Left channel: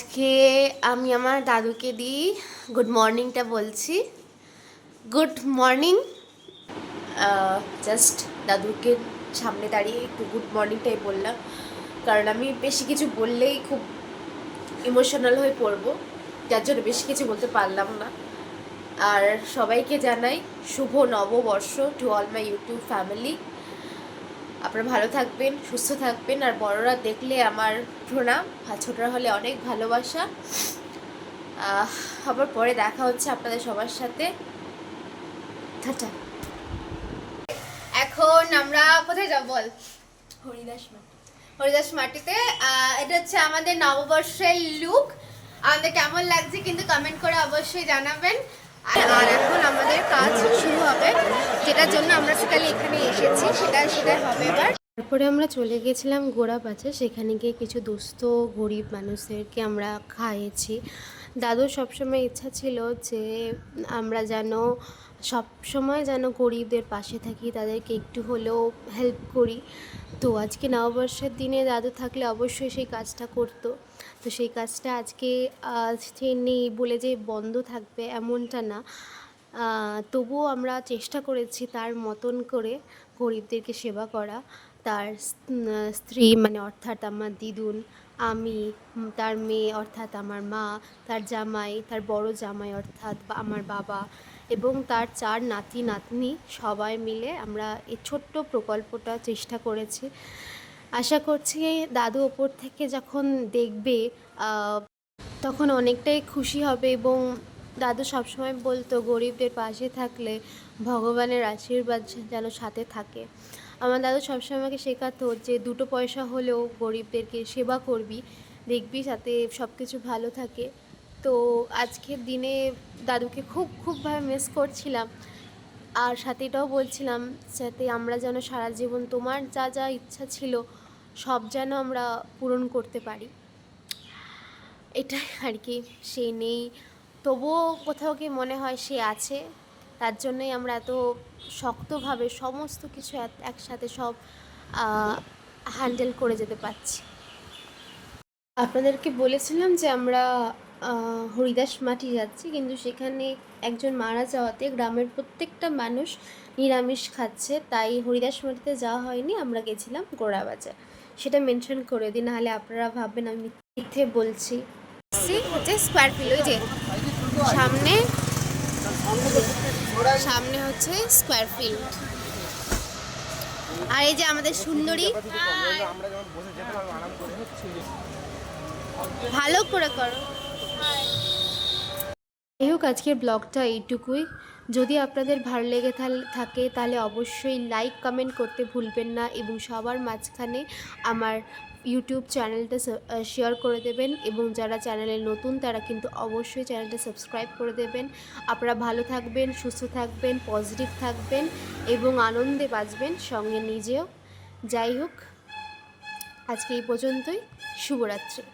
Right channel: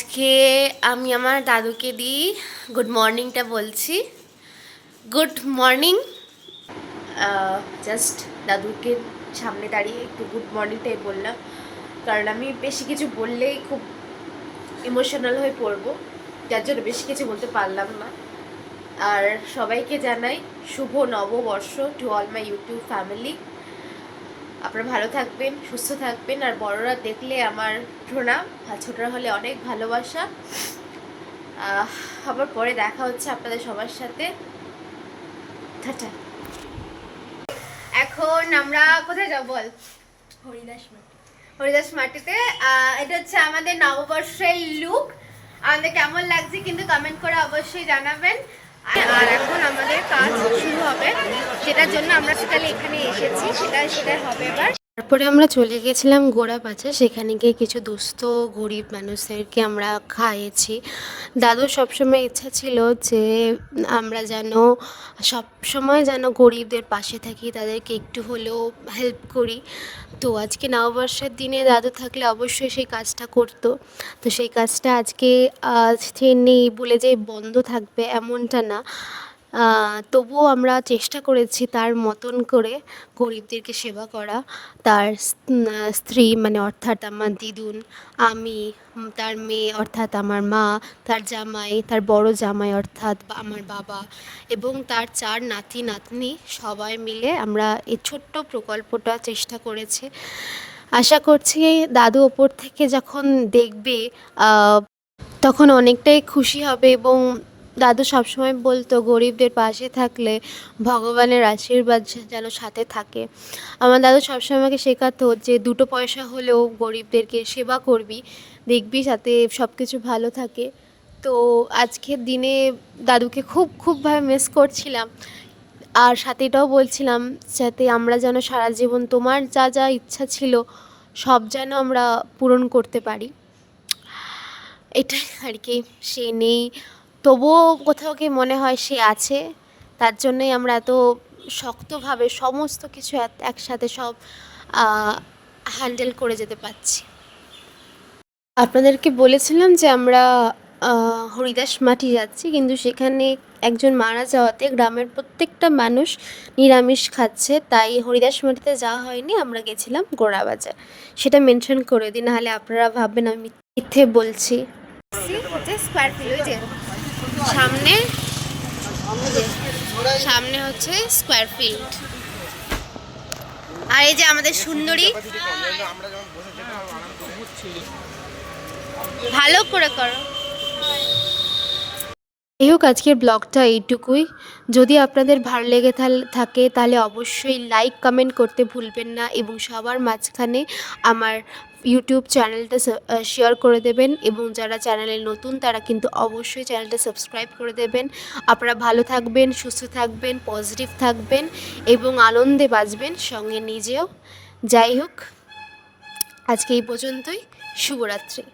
আজকে আমি আমার দাদুকে দিই গুড মর্নিংটা বলছি। Good morning. জাস্ট দাদুকে সামনে দাঁড়িয়ে একটু গুড মর্নিংটাই বললাম, কারণ আমি বেশি কিছু বললেই খুব ইমোশনাল হয়ে পড়বো, যার জন্য বেশি কিছু বলতে পারলাম না। আর সবাইকে জানাই শুভ নববর্ষ to all my YouTube family. আপনারা ভালো থাকবেন, সুস্থ থাকবেন, আর বড়রা দেখলে আমার প্রণাম, আর ছোটরা হলে অনেক ভালোবাসা। আবার পরে দেখা হচ্ছে আপনাদের সবার সাথে। টাটা। এখন আমরা কোথায় যাব বল? হরিদাস মাটিতে। এটা হচ্ছে আমাদের নববর্ষের লুক। আমাদের কেমন লাগছে কিন্তু কমেন্ট করে অবশ্যই জানাবেন। আর এখন আমাদের কাজ শুরু হবে, যেটার জন্য আমরা সকালে এখানে এসেছি, সেটা হবে এবার। তারপরে আমরা চলে গেছিলাম গোড়াবাজার, সেখানে গিয়ে কিছু দুস্থ গরিব মানুষদেরকে আমরা খাইয়েছি। দাদুর সবসময় ইচ্ছা ছিল যে আমরা যেন সবসময় যেন গরিবদের পাশে থাকি, তাদেরকে একটু হলেও হেল্প করি। তো আজকে নববর্ষের দিনে দাদু থাকলে অবশ্যই সেই কাজটা করতো। তো সেই কাজটা আজকে সে নেই বলে যে বন্ধ থাকবে এমনটা না, তবুও আমরা চেষ্টা করেছি তার মতন করে গরিবদেরকে সেবা করা। তার স্ত্রী মানে অর্থাৎ আমার দিদুন, আমি, তার মেয়ে অর্থাৎ আমার মা, তার জামাই, তার বড় জামাই অর্থাৎ আমার বাবা, এবং তার 4 নাতি নাতনি, সবাই মিলে আমরা এই ছোট্ট প্রকল্পটা চেষ্টা করেছি। আশা করছি দাদু ওপর থেকে যখন দেখবে তখন অনেকটাই খুশি হবে। এবং দাদু সবসময় বলতো গরিবদের পাশে থাকলে ভগবানের আশীর্বাদ যেন সাথে থাকে। আমার দাদু সবসময় আমাকে শেখাতো যে 2 পয়সা হলেও গরিবদেরকে সেবা করবি, দেখবি সাথে সব কিছু ভালো থাকে। তো আজকের দিনে দাদুকে খুবভাবে মিস করছিলাম। আর সাথে এটাও বলছিলাম যাতে আমরা যেন সারা জীবন তোমার যা যা ইচ্ছা ছিল সব যেন আমরা পূরণ করতে পারি। এটাই আর কি। সে নেই, তবুও কোথাও গিয়ে মনে হয় সে আছে। তার জন্যই আমরা এত শক্তভাবে সমস্ত কিছু একসাথে সব হ্যান্ডেল করে যেতে পারছি। আপনাদেরকে বলেছিলাম যে আমরা হরিদাস মাটি যাচ্ছি, কিন্তু সেখানে একজন মারা যাওয়াতে গ্রামের প্রত্যেকটা মানুষ নিরামিষ খাচ্ছে, তাই হরিদাস মাটিতে যাওয়া হয়নি। আমরা গেছিলাম গোড়াবাজার, সেটা মেনশন করে দিই, নাহলে আপনারা ভাববেন আমি মিথ্যে বলছি। হচ্ছে স্কোয়ার ফিল্ড, ওই যে সামনে, সামনে হচ্ছে স্কোয়ার ফিল্ড। আর এই যে আমাদের সুন্দরী, ভালো করে করো। এই হোক, আজকের ব্লগটা এইটুকুই। যদি আপনাদের ভালো লেগে থাকে তাহলে অবশ্যই লাইক কমেন্ট করতে ভুলবেন না, এবং সবার মাঝখানে আমার ইউটিউব চ্যানেলটা শেয়ার করে দেবেন, এবং যারা চ্যানেলে নতুন তারা কিন্তু অবশ্যই চ্যানেলটা সাবস্ক্রাইব করে দেবেন। আপনারা ভালো থাকবেন, সুস্থ থাকবেন, পজিটিভ থাকবেন এবং আনন্দে বাঁচবেন, সঙ্গে নিজেও। যাই হোক, আজকে এই পর্যন্তই। শুভরাত্রি।